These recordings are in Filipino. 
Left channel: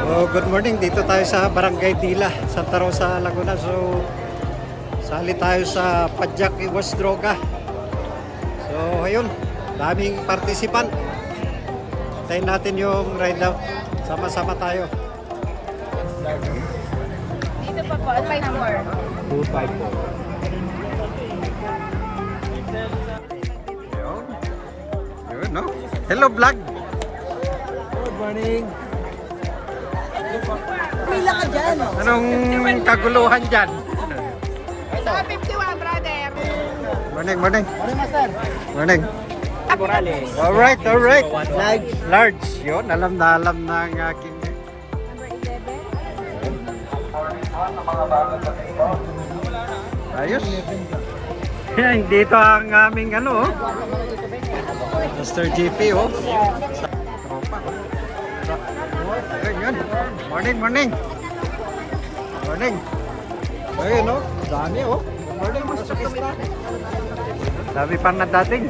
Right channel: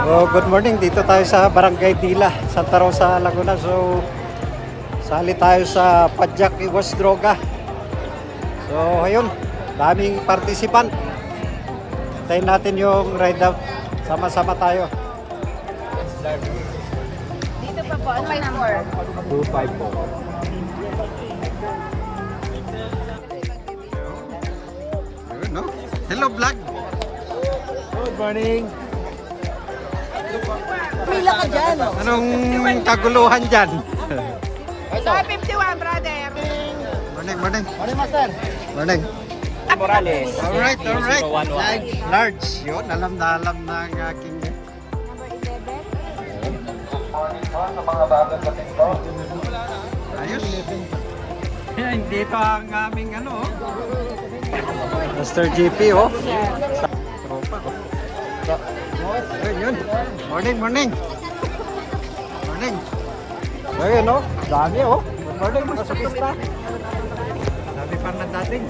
Oh, good morning. Dito tayo sa Barangay Dila, Santa Rosa, Laguna. So, sali tayo sa Padyak Iwas Droga. So, ayun. Daming participant. Tayo natin yung ride out. Sama-sama tayo. Dito pa po, ano number? 254. Yun, no? Hello, vlog. Good morning. Pila ka dyan. Anong kaguluhan dyan? Ito, 51, brother. Morning, morning. Morning, Master. Morning. Morales. Alright, alright. Large. Large. Yun, alam na alam na ang aking... Ayos. Yan, dito ang aming ano, oh. Master GP, oh. Tropa. Yun, yun. Morning, morning. Morning. Ayun, oh. Dami, oh. Good morning, Master Pista. Dami pa na dating.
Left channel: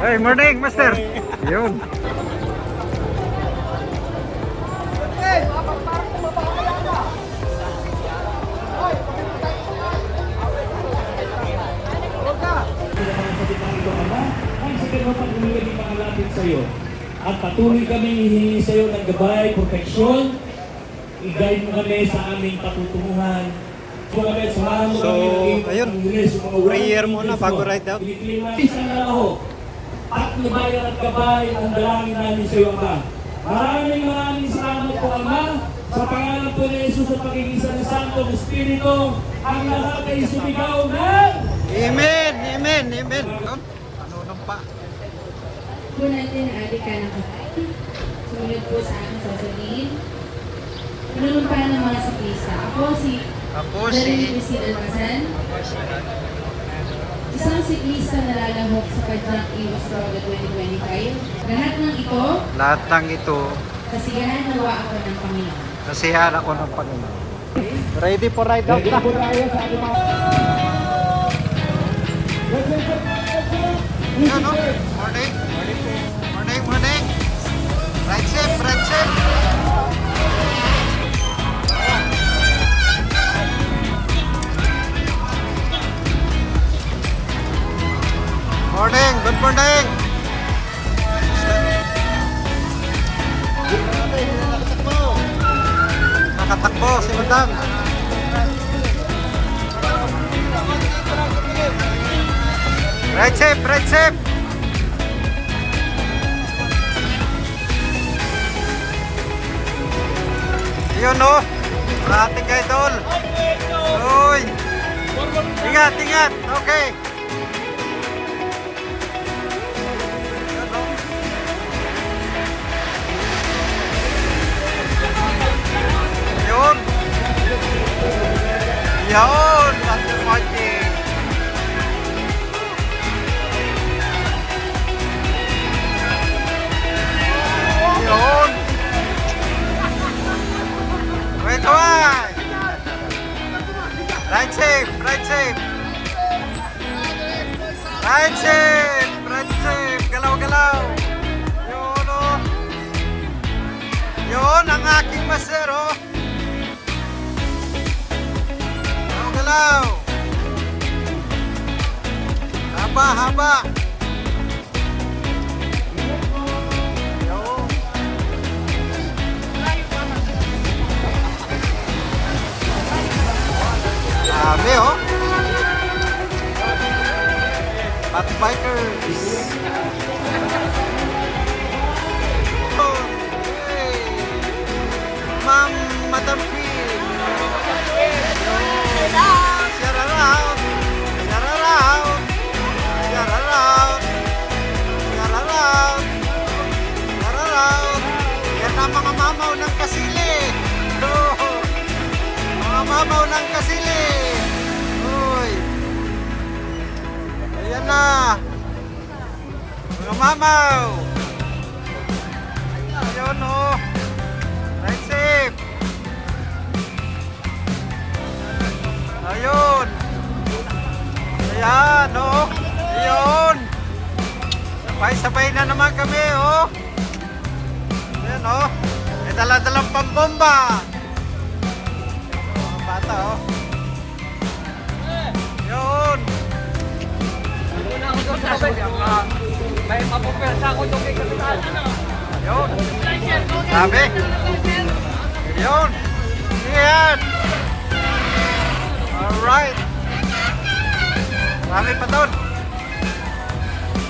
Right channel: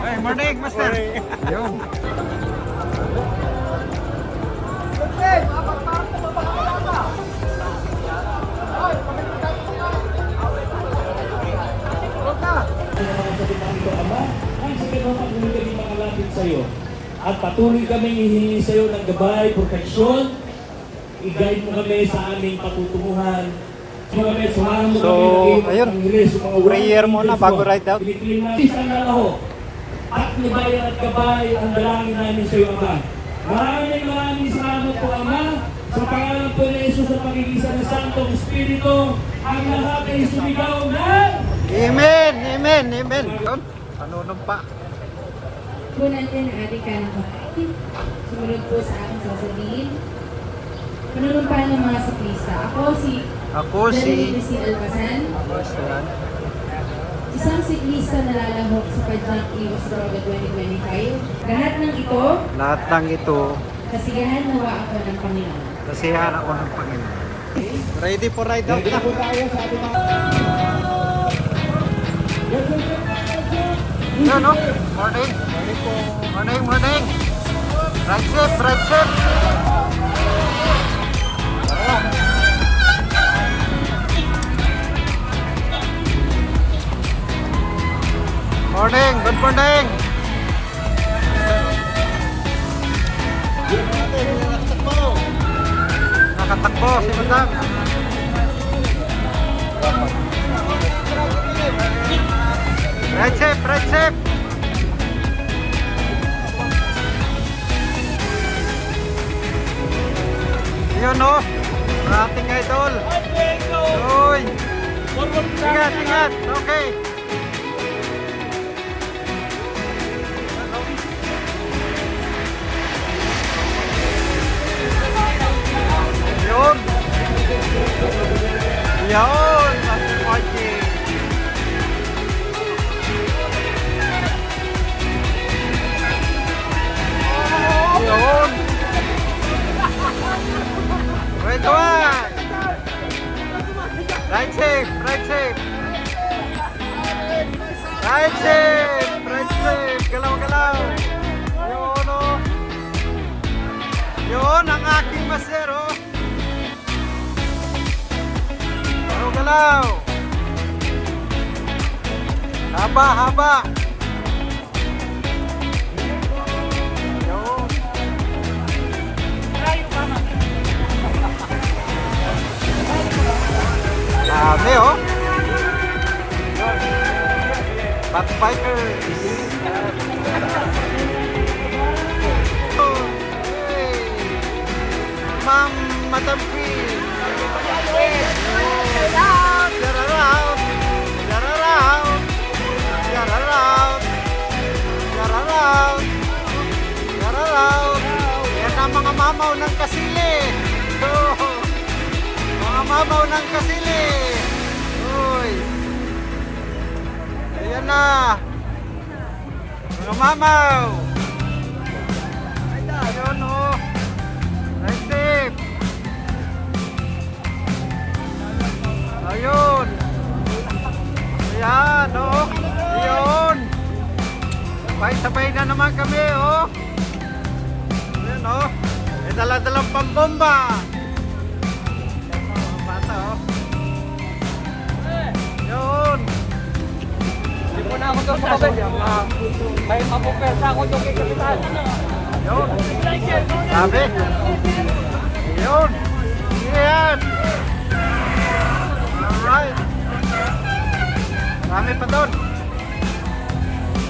Hey, morning, Master. Yun. Sa'yo. At patuloy kami hihingi sa iyo ng gabay, proteksyon. I-guide mo kami sa aming patutunguhan. So, ayun. Prayer muna bago ride out. Isa na ako. At nibayan at gabay ang dalangin namin sa iyo, Ama. Maraming salamat po, Ama. Sa pangalan po ni Jesus at pag-ibig ng Santong Espiritu, ang lahat ay sumigaw na. Amen, amen, amen. Yun. Panunong pa. Po natin ang ating kanang kapatid. Sumunod po sa aking sasabihin. Panunumpa ng mga siklista. Ako Darlene si... Cristina Almazan, Ako si... isang siklista na lalahok sa Padyak Iwas Droga 2025. Lahat ng ito, kasigahan nawa ako ng Panginoon. Kasiyahan ako ng Panginoon. Ready for ride out na. Yun, no? Morning. Morning po. Morning, morning. Ride safe, ride safe. Morning, good morning. Nakatakbo si Madam. Right safe, right safe. Yun, no? Ang ating idol. Uy. Ingat, ingat. Okay. Yun, no? Yun. Yun. Master Magic. Yun. Wait, kawai. Right safe, right safe. Right safe, right safe. Galaw, galaw. Yun, oh. Yun, ang aking master, oh. Galaw, galaw. Haba, haba. Yun. Dami, oh. Backbikers. Oh, hey. Ma'am, Madam Queen. Share around. Share around. Share around. Share around. Share around. Share around. Yan ang mga mamaw ng kasili. Oh. Mga mamaw ng kasili. Uy. Ayan na. Mga mamaw. Ayun, oh. Right safe. Ayun. Ayan, oh. Ayun. Sabay-sabay na naman kami, oh. oh. May dala-dalang pambomba. Mga bata, oh. Yun. Yun. Sabi. Yun. Yan. Alright. Marami pa doon.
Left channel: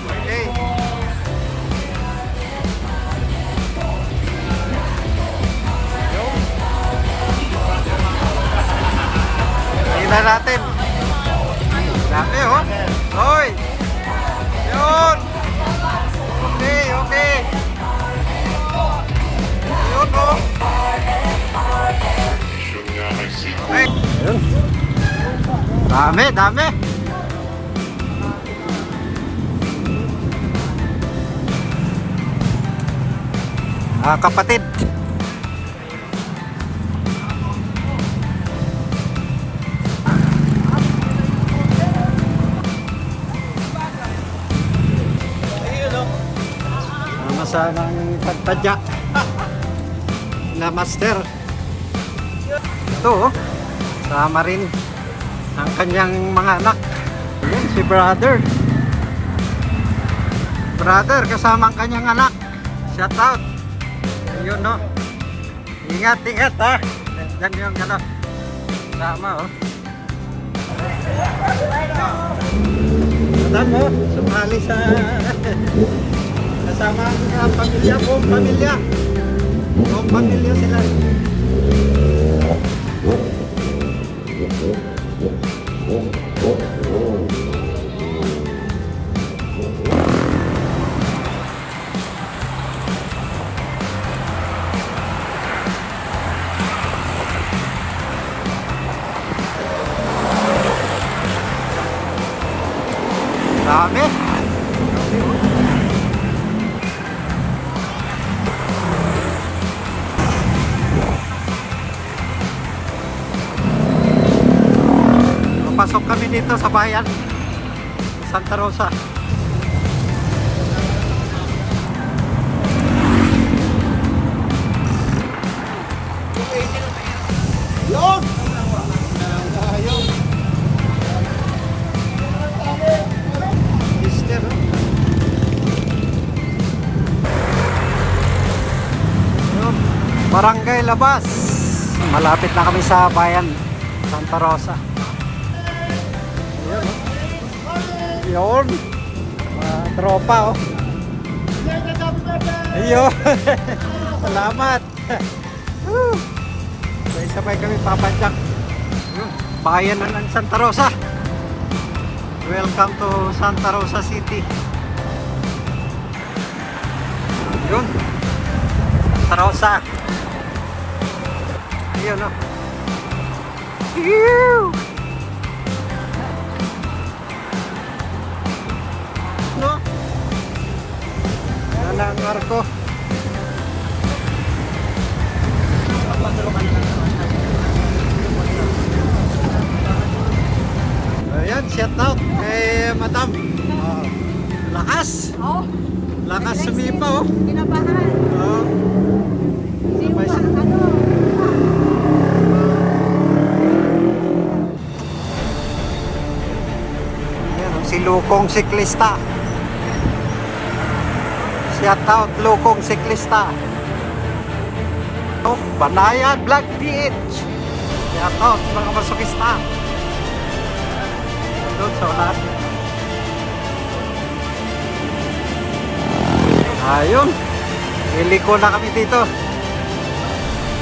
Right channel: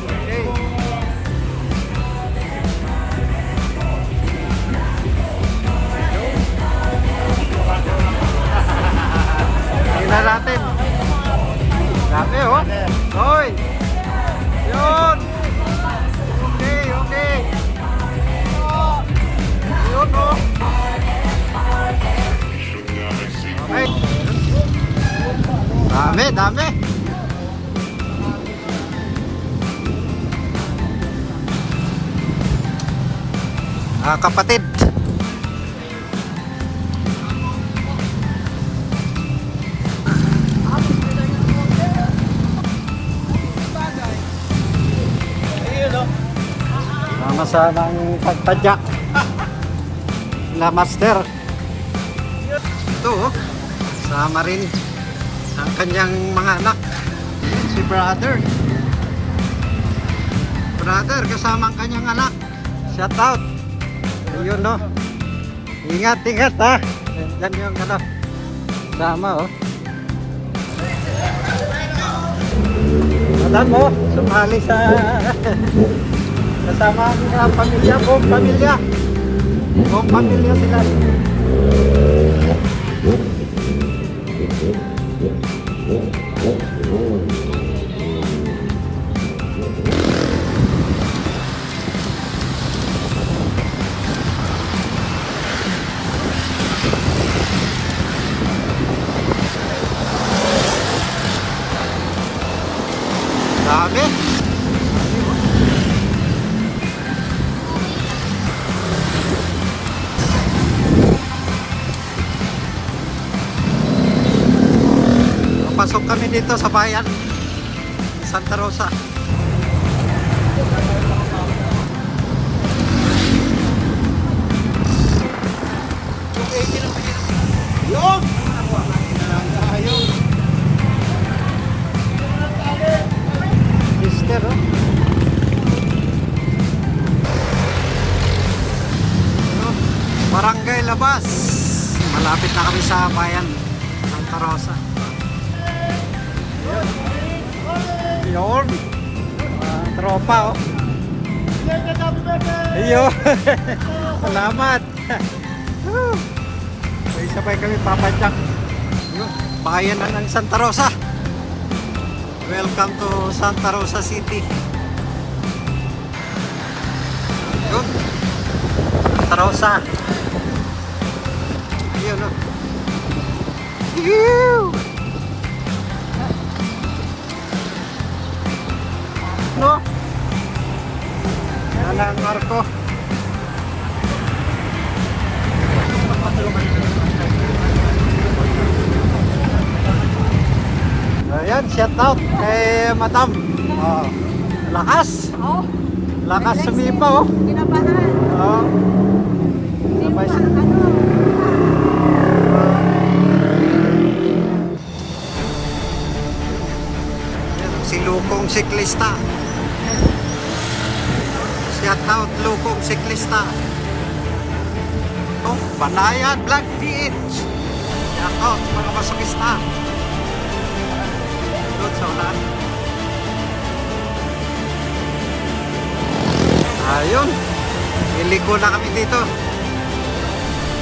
Okay. Yun. Tingnan natin. Dami, oh. Hoy. Yun. Okay, okay. Yun, oh. Okay. Yun. Dami, dami. Kapatid. Sama-samang pagpadyak. La master. Ito, oh. Sama rin ang kanyang mga anak. Yan, si brother. Brother, kasama ang kanyang anak. Shout out. Ayun, no. Ingat, ingat, ha. Yan yung ano. Sama, oh. Alam mo, sumali sa kasama ang pamilya, buong pamilya. Buong pamilya sila. Dami. Dami, oh. Pasok kami dito sa bayan Santa Rosa. Yun! Ayun! Sister, oh. Yun. Barangay Labas. Malapit na kami sa bayan Santa Rosa. Yun. Tropa, oh. Ayun. Salamat. Isa pa kami papadyak. Yun. Bayan na ng Santa Rosa. Welcome to Santa Rosa City. Yun. Santa Rosa. Ayun, oh. Ew! No? Yan ang arko. Ayan, shout out kay Madam. Oh, lakas. Oh, Lakas sumipa, oh. pinabahan. Oh. Sabay siya. Yan, si Lukong Siklista. Shout out Lukong Siklista. Oh, Banayan Black PH. Shout out mga masokista. Doon sa unahan. Ayun. Iliko na kami dito.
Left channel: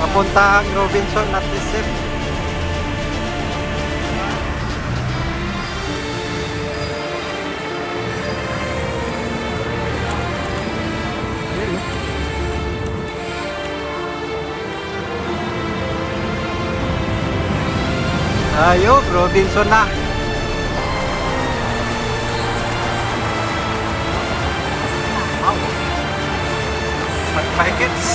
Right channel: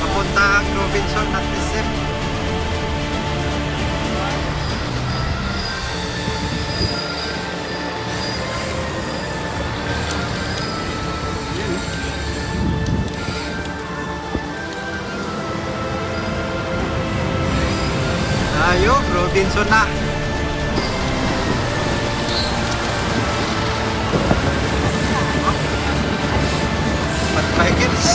Papunta ang Robinson at SM. Yun, no? Ayun, Robinson na. Wow. 5 packets.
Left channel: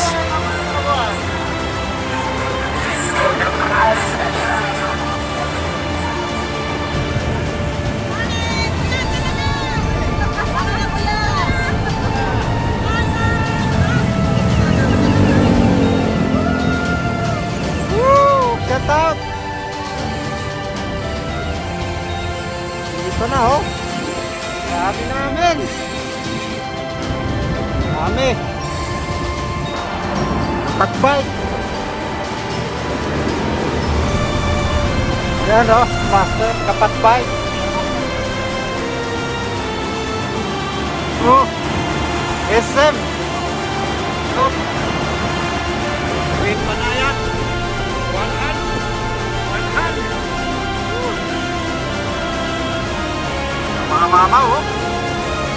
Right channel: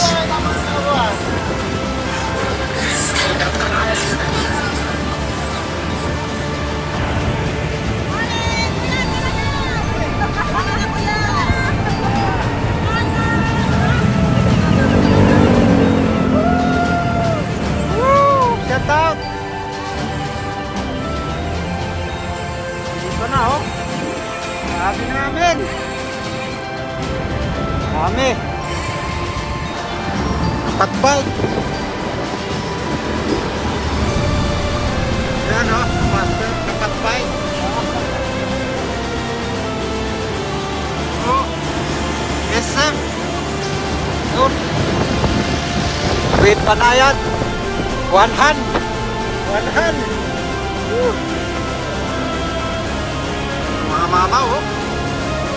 Patbike. Yan o, master kapatbike. Oh, SM. Yun. Green pa na yan. One hand. Mga mama oh.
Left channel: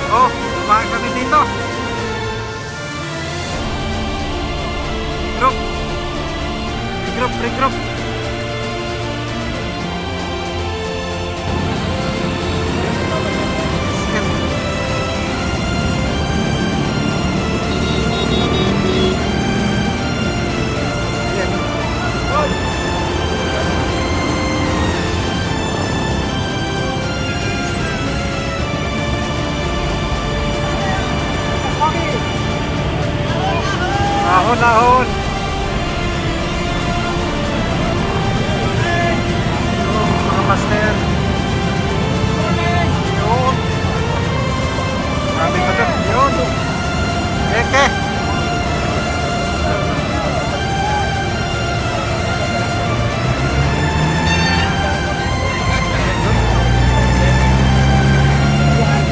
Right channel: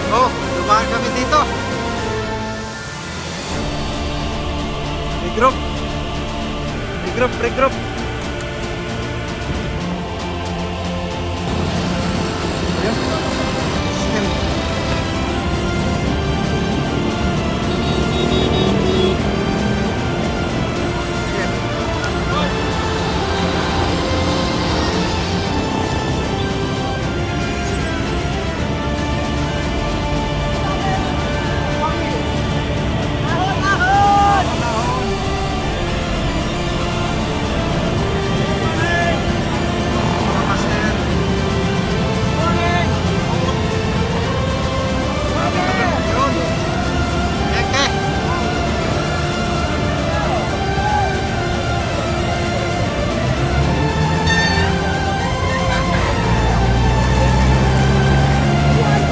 Oh, dumaan kami dito. Regroup. Nahon. Mga master. Yun. Marami pa doon. Yun. Eke.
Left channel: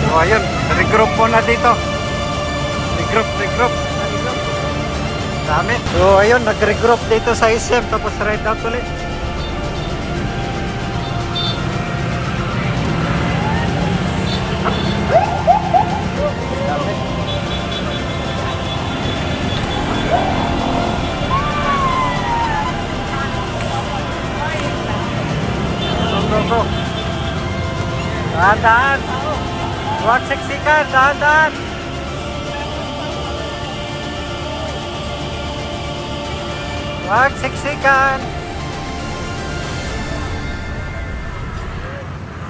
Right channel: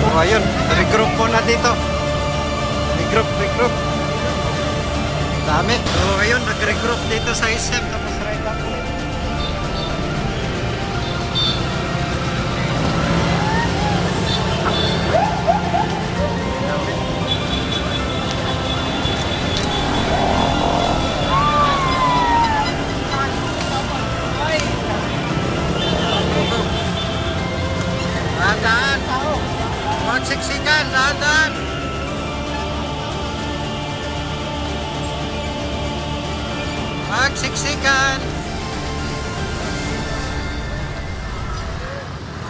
So ayun, regroup muna dito. Regroup. Dami. So ayun, nag-regroup dito sa SM tapos ride out ulit. Dami. Go. Dahan. Huwag siksikan, dahan. Huwag siksikan.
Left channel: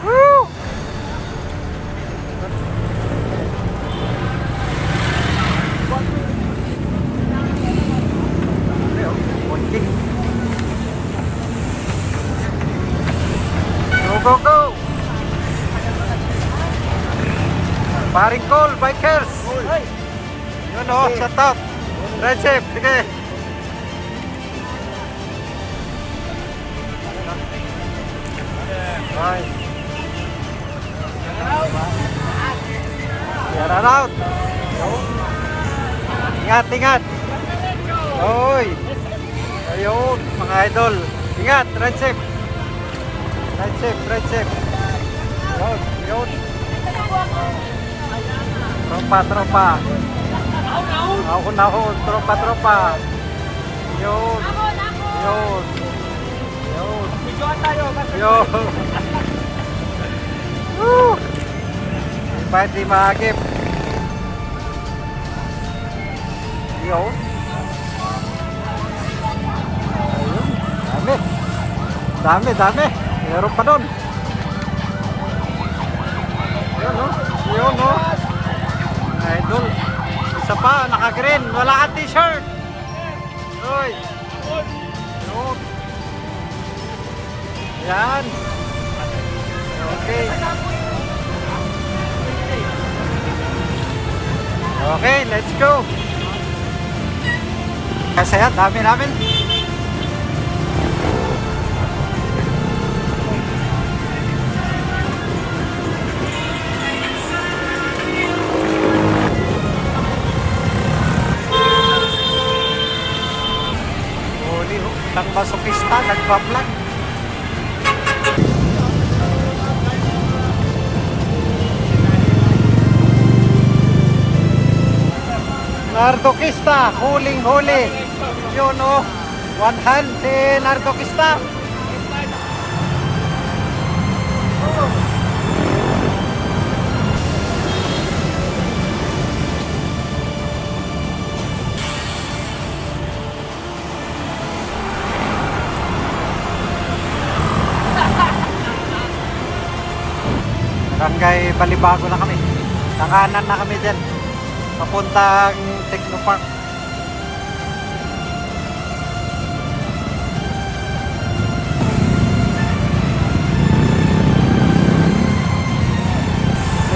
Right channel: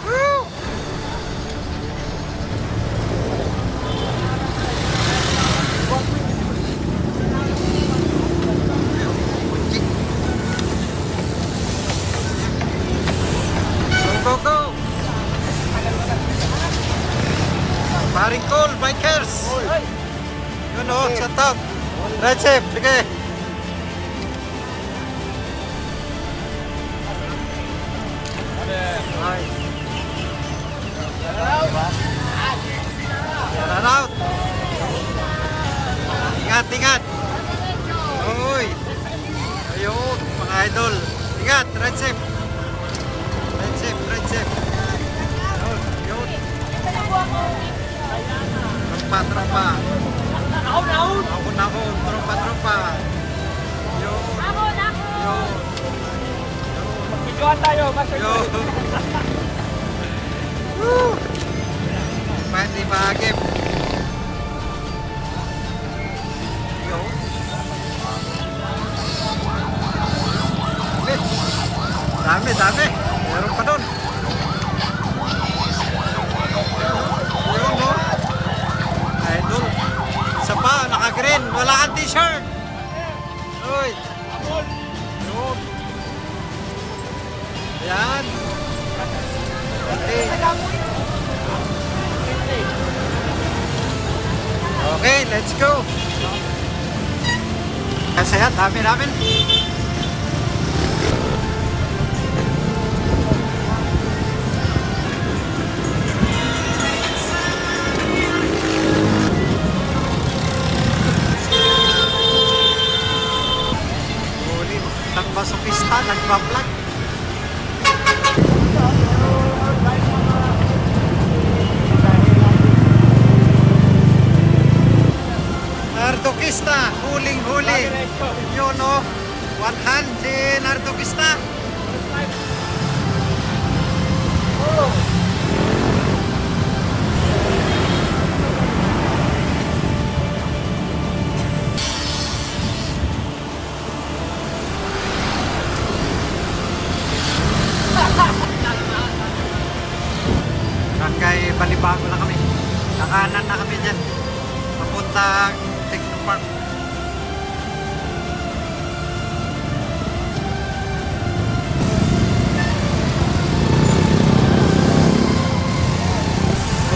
Woo! Kunci. Go. Paring Cole, bikers. Yun o, shut up. Right safe, sige. Right. Run out. Ingat. Oy. Ayun, mga idol. Ingat, right safe. Yun. Tropa. Ahon, tropa. Yun. Woo! Hindi maagip. Yun. Dami. Meron pa doon. Yun no. Idol. Isa pa, naka-green. Wala kang t-shirt. Uy. Yun. Ayan. Okay, let's go. Kasi yan, dami namin. Huli oh, isang masokista, nagpa-vlog. Nardokista, huling-huli. Yun o, one hand si Nardokista. Barangay Balibago na kami. Kakanan na kami dyan. Papuntang Technopark.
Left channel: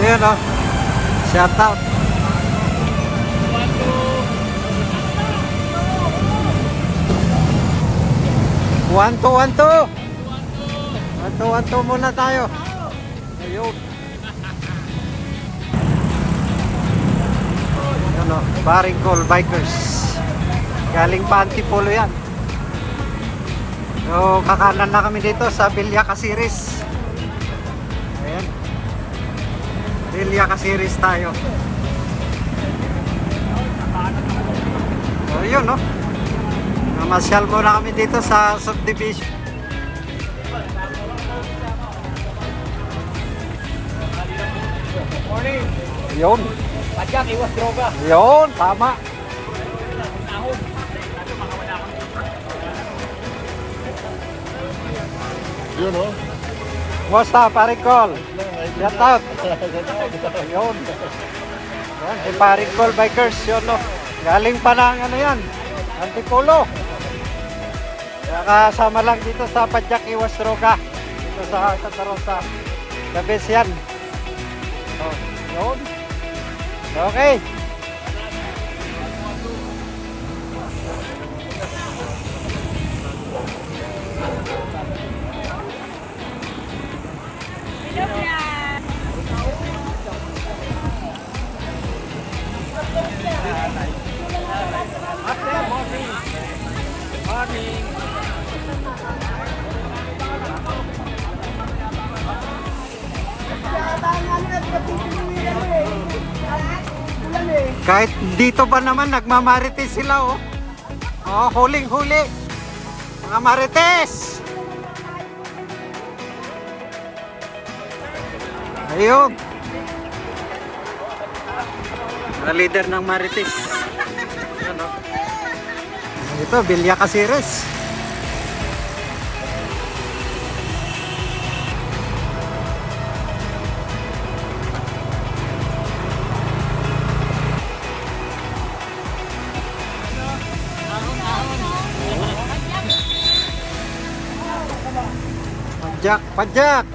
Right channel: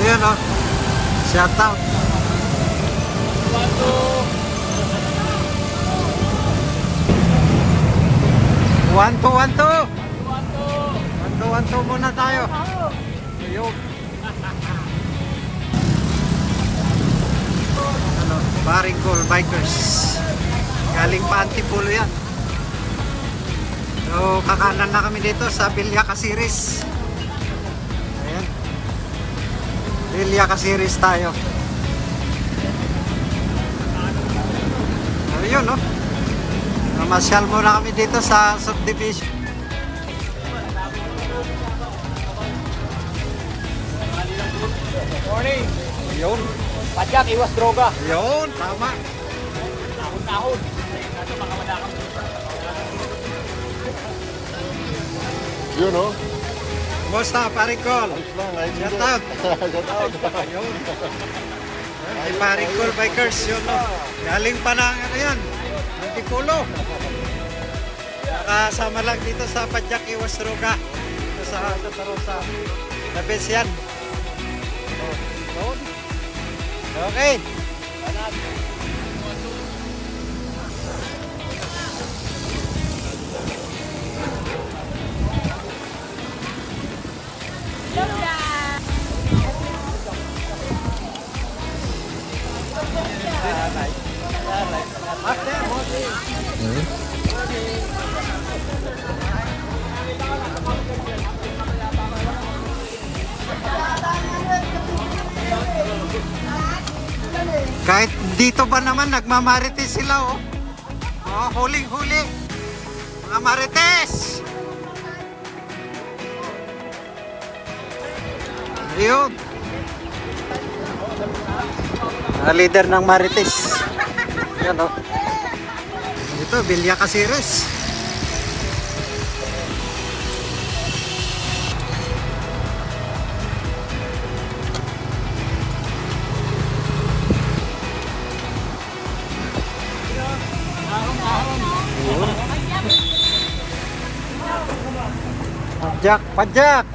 Ayan o. Shout out. 1-2 muna tayo. Ayun. Ano, Barangay Bikers. Galing pa Antipolo yan. So, kakanan na kami dito sa Villa Caceres. Ayan. Villa Caceres tayo. Ayun, no? Namasyal muna kami dito sa subdivision. Yun. Padyak, iwas droga. Yun, tama. Yun, oh. Kumusta, Paring Col? Shout out. Yun. Yan, si Paring Col Bikers, yun, no? Galing pa ng ano yan, Antipolo. Nakasama lang dito sa Padyak Iwas Droga. Dito sa Santa The best yan. Okay. Kahit dito ba naman nagmamarites sila, oh. Oh, huling-huli. Mga marites. Ayun. Mga leader ng marites. Ayan, oh. Ito, Villa Caceres. Padyak, padyak.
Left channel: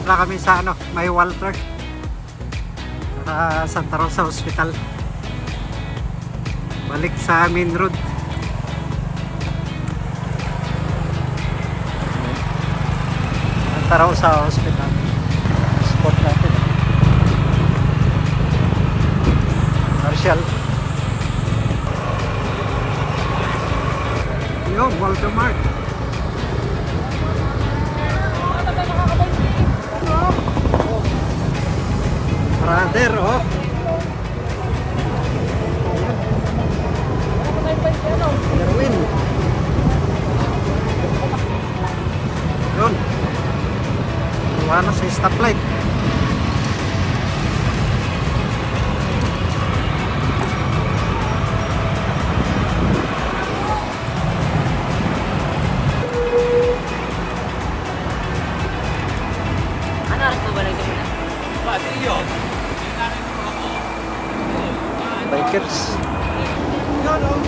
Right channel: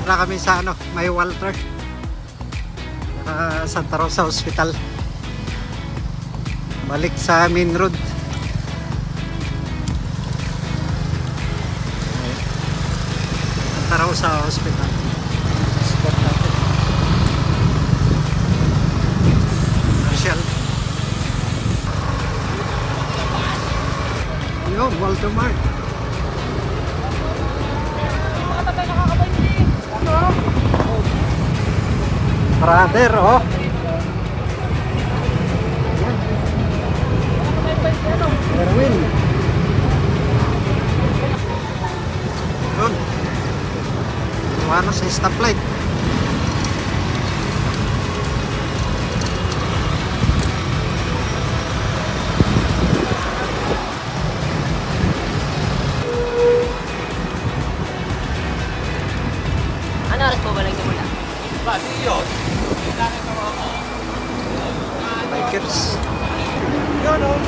Wala kami sa ano, may Walter. Santa Rosa Hospital. Balik sa main road. Santa Rosa Hospital. Marshall. Yo, Walter Mart. Brother, oh. Ayan. Erwin. Yun. Iwanan sa stoplight. Bikers. Yun, oh.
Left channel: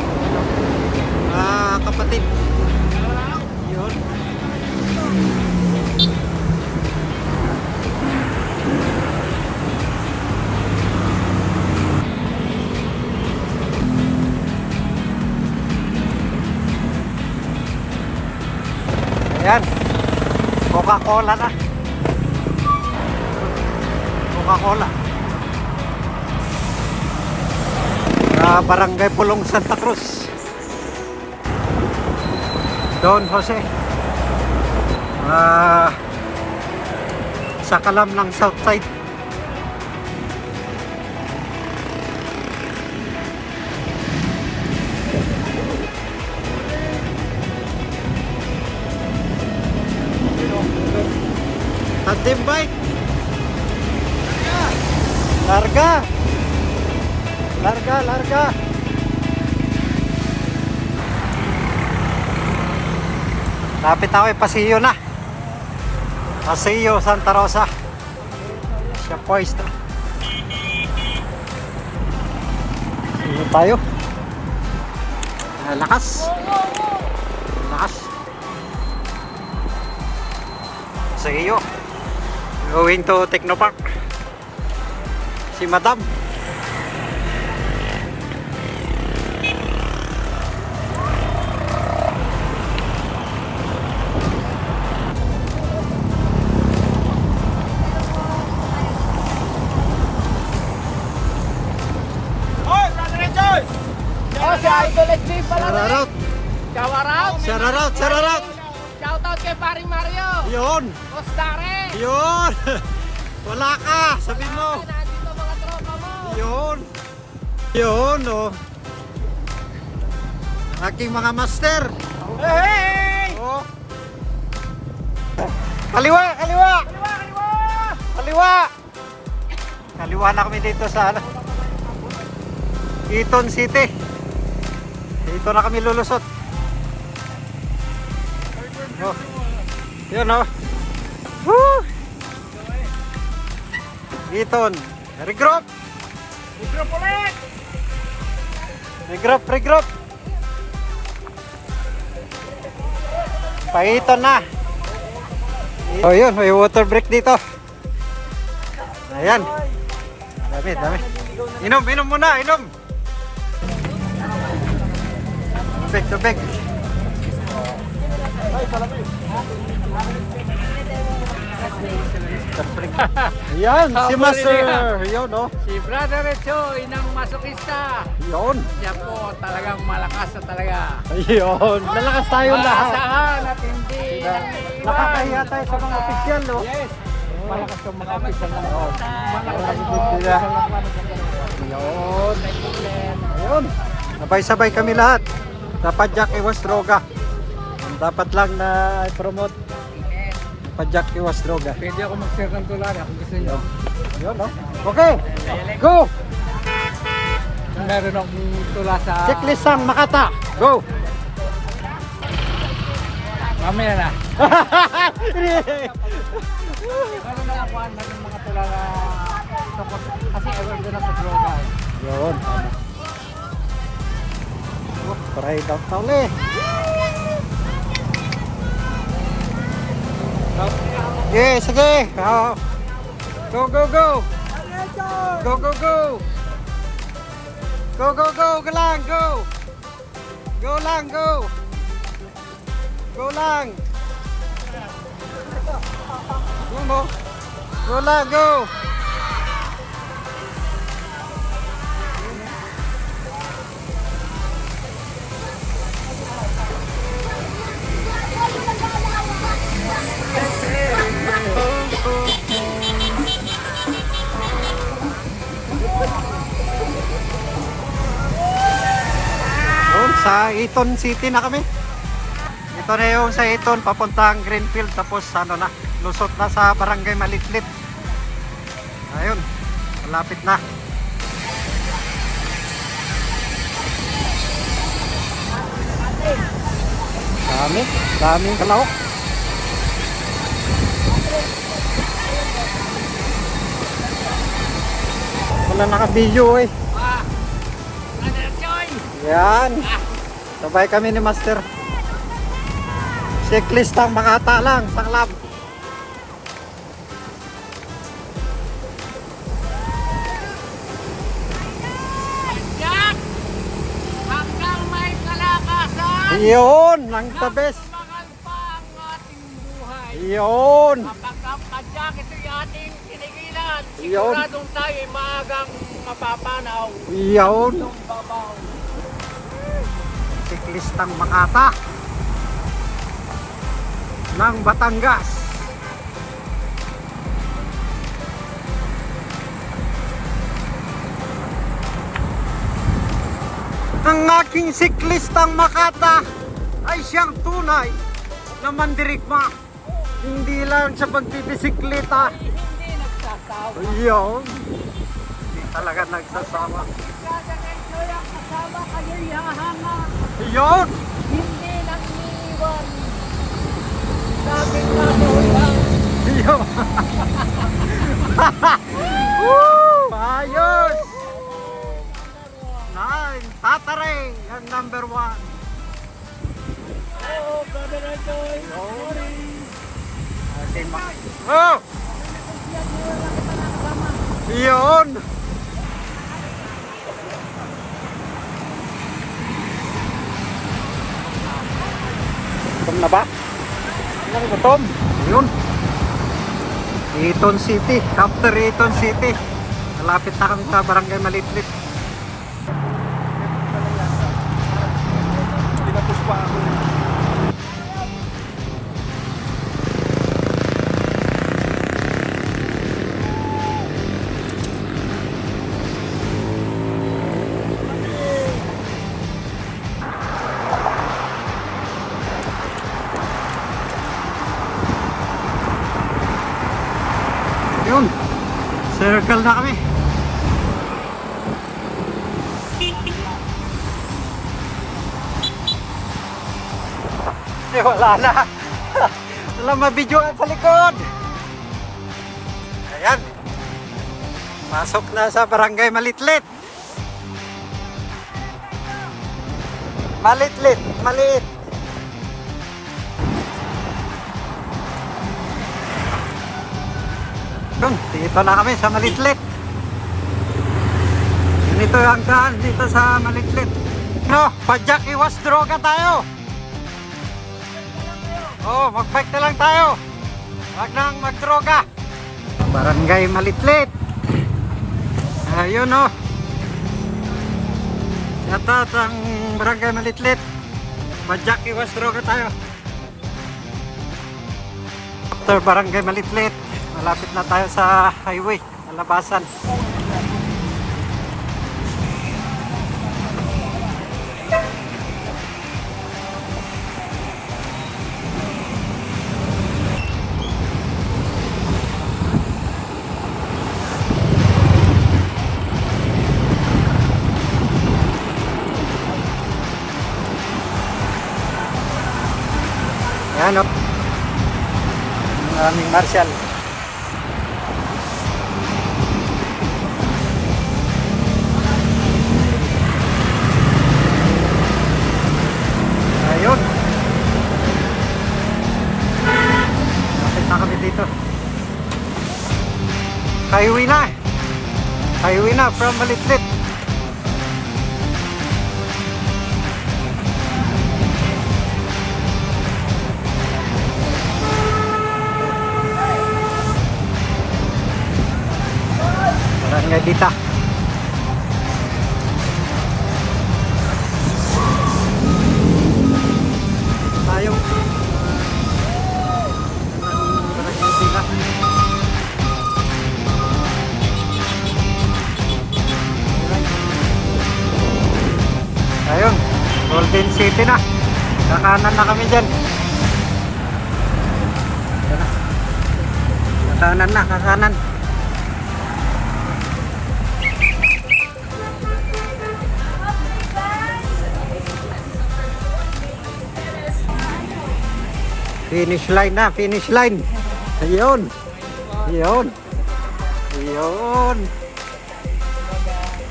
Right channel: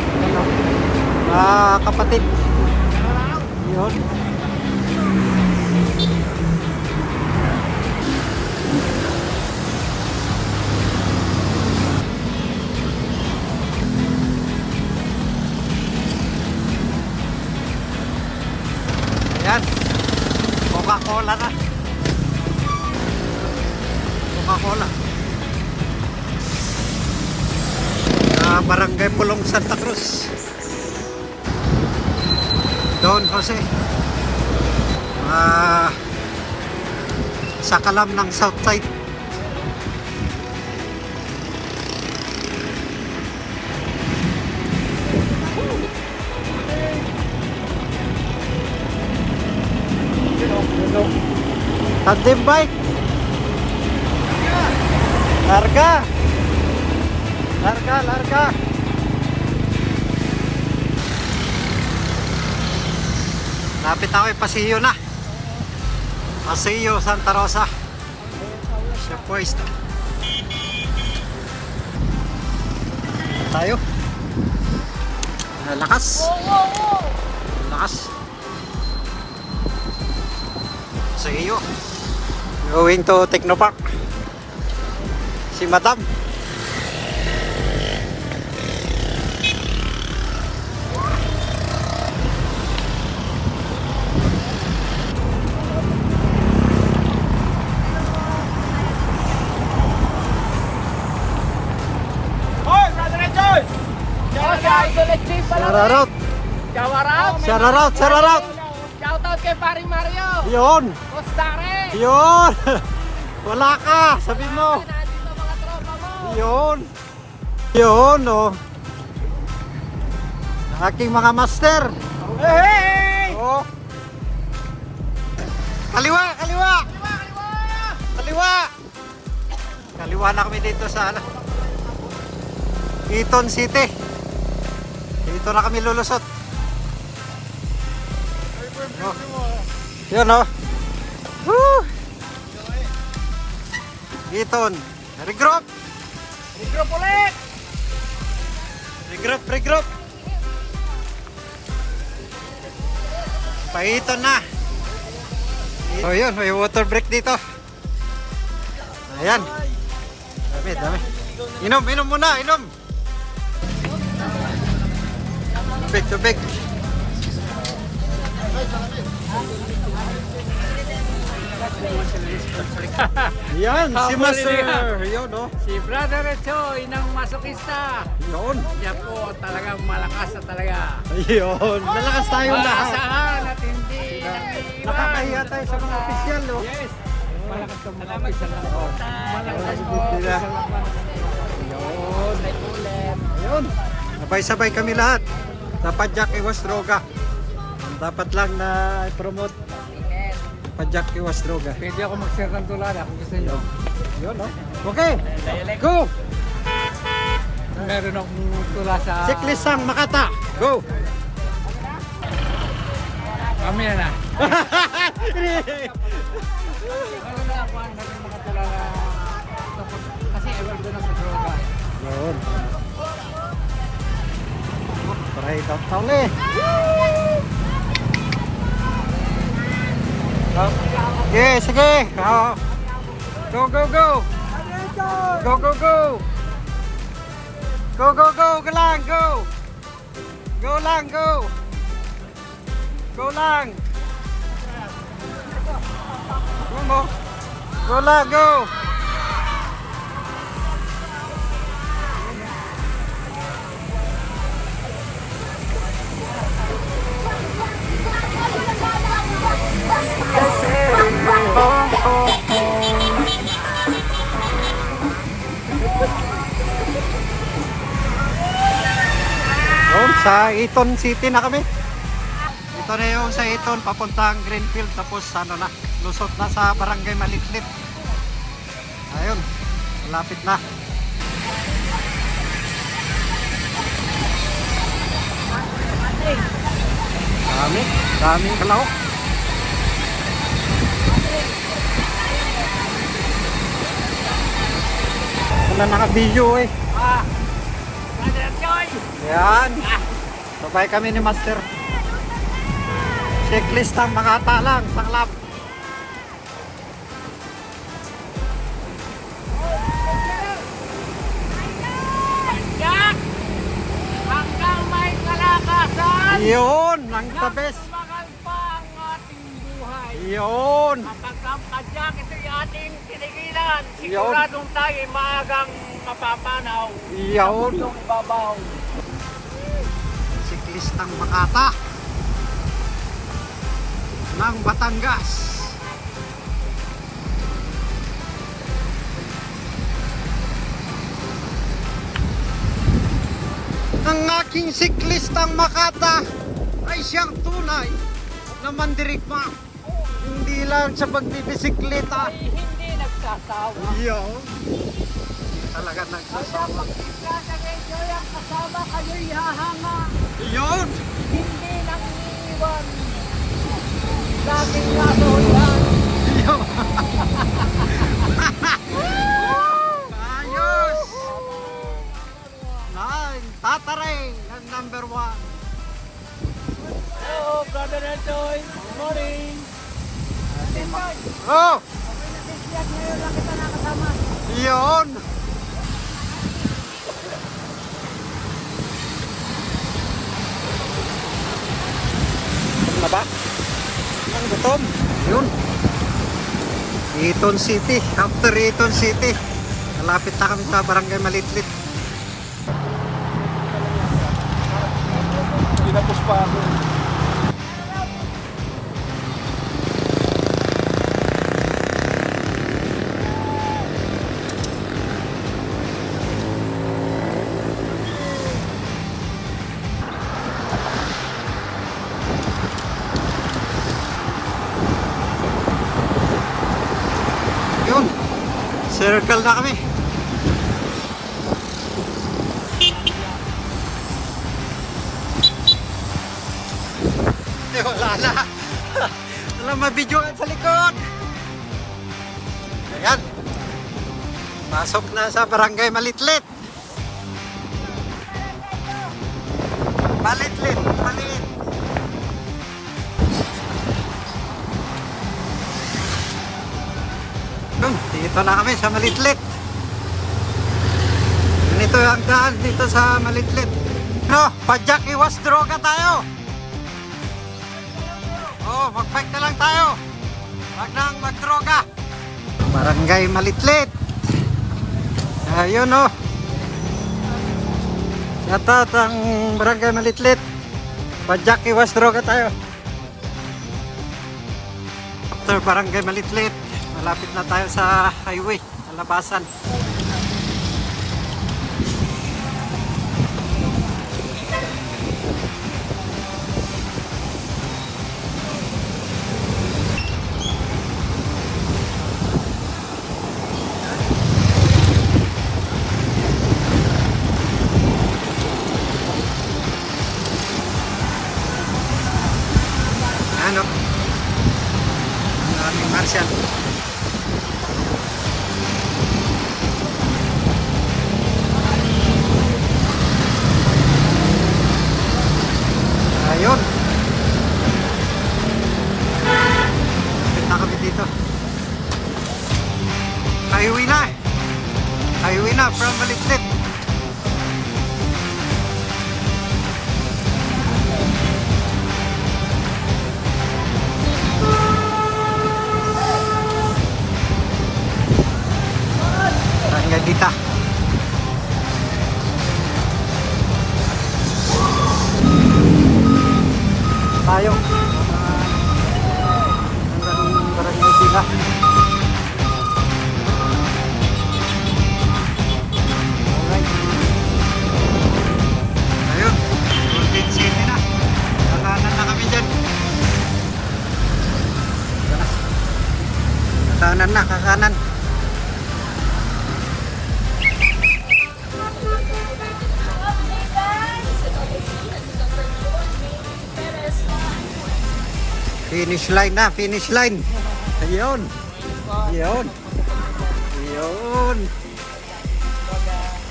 Kapatid. Yun. Ayan. Coca-Cola na. Coca-Cola. Barangay Pulong, Santa Cruz. Don Jose. Sa kalam ng Southside. Tandem bike. Larga. Larga, larga. Lapit ako eh, Pasillo na. Pasillo, Santa Rosa. Siya poised. Dito tayo. Lakas. Lakas. Pasillo. Going to Technopark. Si Madam. Shoutout! Shoutout! Shoutout kay Pari Mario. Yun! Postare. Yun! Wala ka! Sabi mo! Nandito mga tropa mo. Yun! Yun, oh! Aking mga master! Hey! Oh! Kaliwa! Kaliwa! Kaliwa! Kaliwa na kami dito sa Eton City. Dito na kami lulusot. Oh. Yun, oh! Woo! Eton! Regroup! Regroup! Paiton na! Oh, yun, may water break dito. Ayan. Dami. Inom muna, inom. Tubig. Ayan, si Master. Yun, no? Si Brother Echo, inang masokista. Yun. Siya po talagang malakas na talaga. Ayun. Lalakas tayo lahat. Maasahan at hindi. Nakakahiya tayo sa mga opisyal, no? Yes. Malakas ang mga Salamat po. Malakas po. Ayun. Ayun. Sabay-sabay kami lahat. Dapat Jack iwas droga. Dapat lang na i-promote. Pajak iwas droga. Pwede ako mag-share ng tulara kung gusto nyo. Yun, no? Okay. Go! Meron akong tula sa... Checklist ang Makata. Go! Mamaya na. Meron na ako ng mga tula na... Kasi ewan doon ako sa droga. Yun. Try daw tali. Yeah, sige. Go. Go. Go. Go lang, go. Go lang. Go lang, go. Yun, sa Eton City na kami. Ito na yung sa Eton, papuntang Greenfield. Tapos ano na, lusot na sa Barangay Malitlip. Ayun, malapit na. Daming kalahok. Wala naka-video eh. Brother Choy! Yan. Sabay kami ni Master. Checklist ang Makata lang sa club. Jack! Hanggang may kalakasan! Yun, ang the best. Tumagal pa ang ating buhay. Yun. Kapag ang kadyak ito yung ating pinigilan, siguradong tayo ay maagang mapapanaw. Yun. Ang babaw. Checklist ang Makata ng Batangas. Ang aking siklistang Makata ay siyang tunay na mandirigma. Hindi lang sa pagbibisikleta. Hindi nagsasawa. Yun. Hindi talaga nagsasawa. Kaya ang kasama kayo'y hahanga. Yun. Hindi nang iiwan. Laging nasuhulan. Yun. Woo! Ayos. Nine. Tataray ang number 1. Hello, Brother Enjoy. Good morning. Oh! Yun! ba? Tom. Yun. Eton City. After Eton City. Malapit na kami sa Barangay Malitlit. Pinapos pa ako. Yun. Circle na kami. Wala na. Wala mabidyoan sa likod. Ayan. Pasok na sa Barangay Malitlit. Malitlit. Malit. Doon, dito na kami sa Malitlit. Ganito ang daan dito sa Malitlit. No, padyak iwas droga tayo. Oh, mag-bike na lang tayo. Huwag nang magdroga. Barangay Malitlit. Ayun oh. Shoutout ang Barangay Malitlit. Padyak iwas droga tayo. After Barangay Malitlit, malapit na tayo sa highway, Malabasan. Yan o. Ang aming Marshall. Ayun. Lapit na kami dito. Highway na. Highway na from Malitlit. Barangay Dita. Tayo. Hanggang Barangay Dita. Ayun. Golden City na. Kakanan na kami dyan. Ito na. Kakanan na, kakanan. Finish line na, finish line. Ayun. Ayun. Ayun.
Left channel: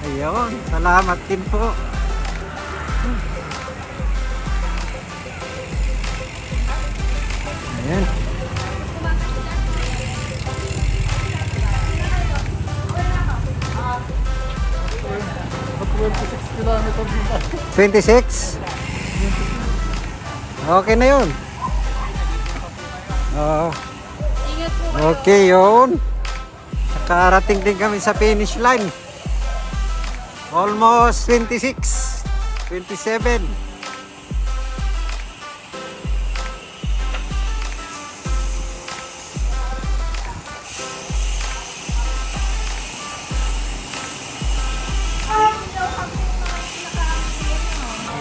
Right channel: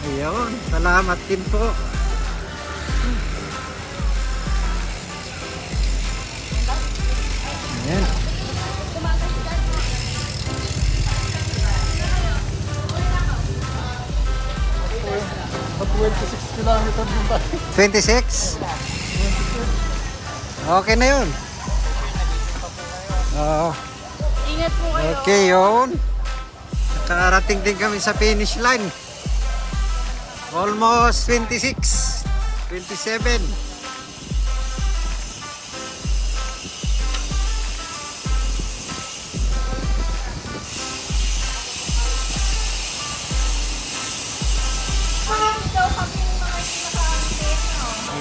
Ayun. Salamat din po. Ayan. $26 26? Okay na yun. Okay yun. Nakarating din kami sa finish line. Almost 26, 27.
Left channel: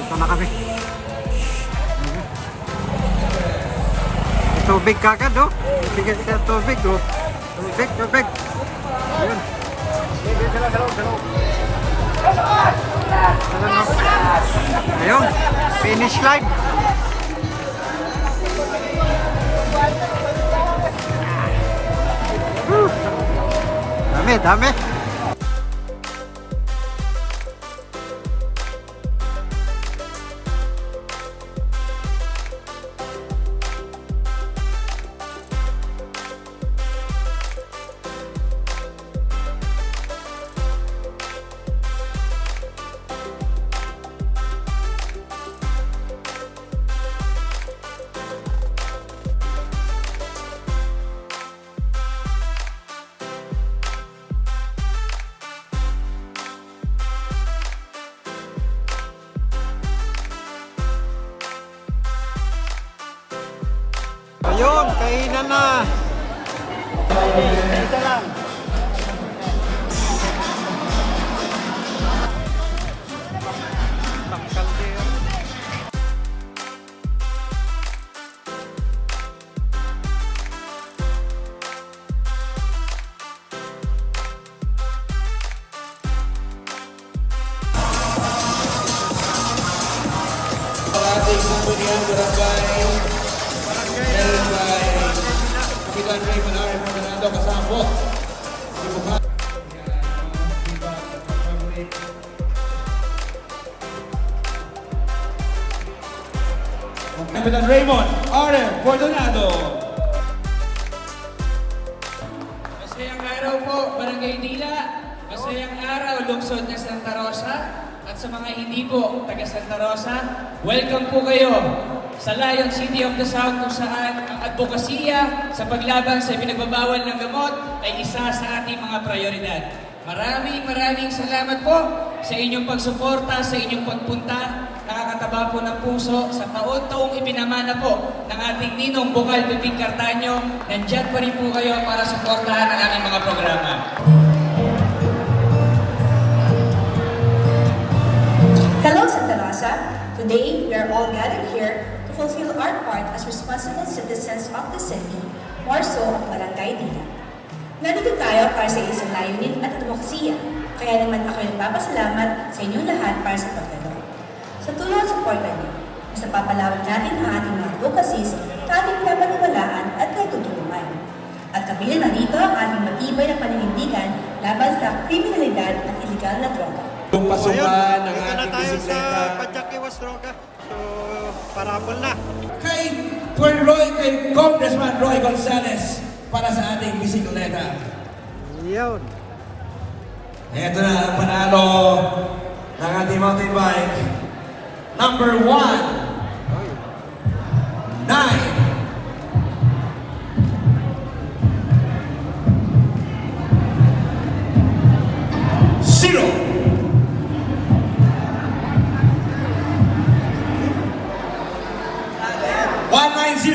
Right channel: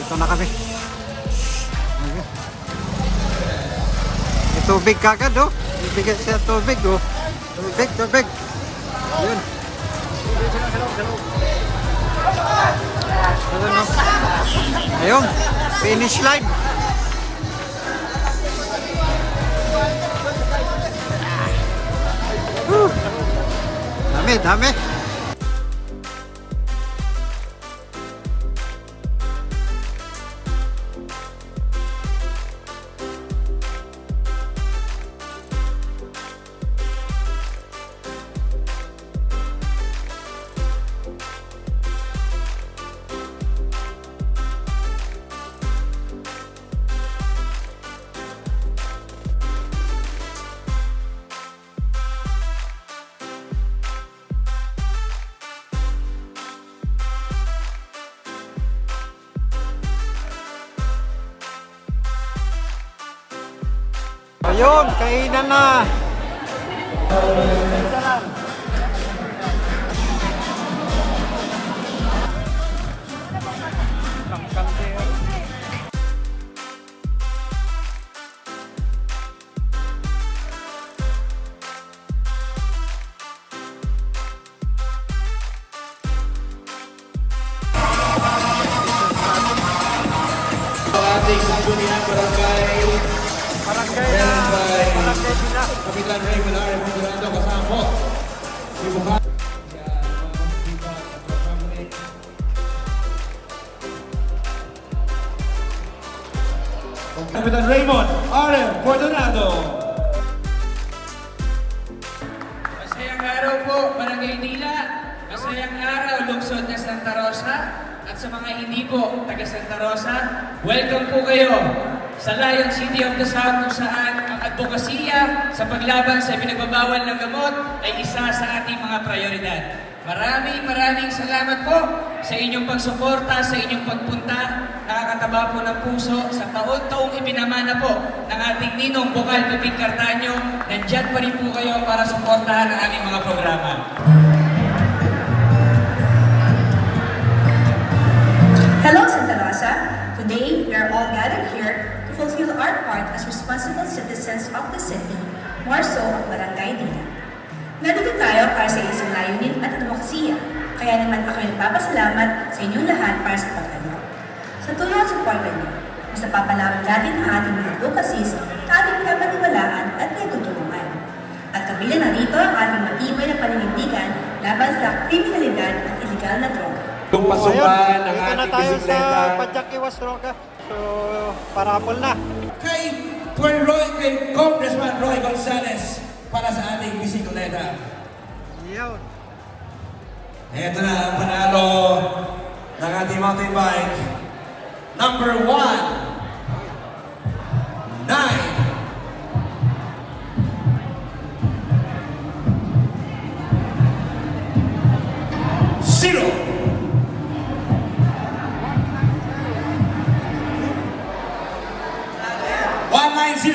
Ito na kami. May tubig kagad oh. Ibigay siya tubig oh. Tubig, tubig. Yun. Ayun oh. Ayun. Finish line. Dami, dami. Ayun, kainan na. Pangkaldero. Barangay na, barangay nila. Kapitan Raymond R.M. Bordonado. Masayang araw po, Barangay Dila. Masayang araw, lungsod na Santa Rosa. At sa mga hindi po taga Santa Rosa, welcome po kayo sa Lion City of the South kung saan ang advokasya sa paglaban sa pinagbabawal ng gamot ay isa sa ating mga prioridad. Maraming salamat po sa inyong pagsuporta, sa inyong pagpunta. Nakakataba po ng puso sa taon-taong ipinamana po ng ating ninong Bukal Pipig Cartaño. Nandiyan pa rin po kayo para suportahan ang aming mga programa. Hello, Santa Rosa. Today, we are all gathered here to fulfill our part as responsible citizens of the city, more so ang Barangay Dila. Nandito tayo para sa isang layunin at demokrasiya, kaya naman ako yung papasalamat sa inyong lahat para sa pagdalo. Sa tulong at suporta niyo, mas napapalawag natin ang ating mga advocacies na ating pinapaniwalaan at nagtutulungan. At kabila na rito ang ating matibay na paninindigan laban sa kriminalidad at iligal na droga. So, ayun, dito na tayo sa Padjak Iwas Droga. So, parapol na. Kay Tuen Roy, kay Congressman Roy Gonzales para sa ating bisikleta. Yun. Ito na ang panalo ng ating mountain bike. Number 1. 9. Zero. 190.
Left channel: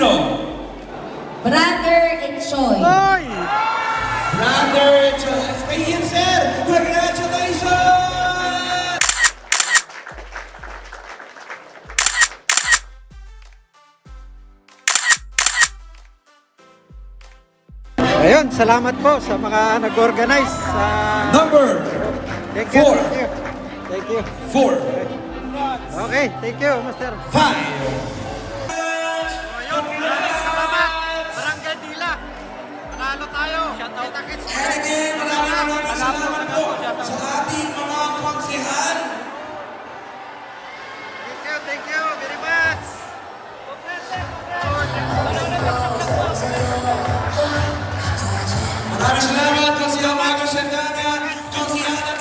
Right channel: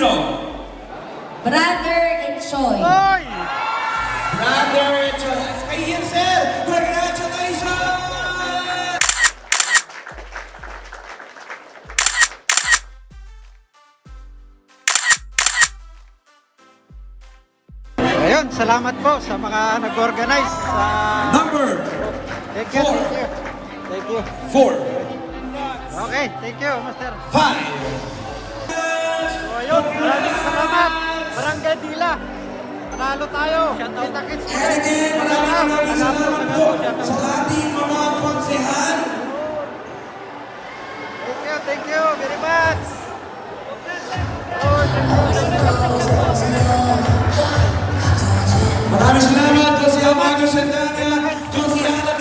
Brother Enjoy. Ay! Brother Charles Kayin, sir! Congratulations! Ayun, salamat po sa mga nag-organize. Number Thank you, Four. thank you. Thank you. 4. Okay, thank you, Master. 5. So, ayun, maraming salamat. Barangay Dila. Panalo tayo. Kita-kits ulit. Maraming salamat po sa ating mga konsehal. Thank you very much. Oh, thank you. Maraming salamat po sa mga konsehal.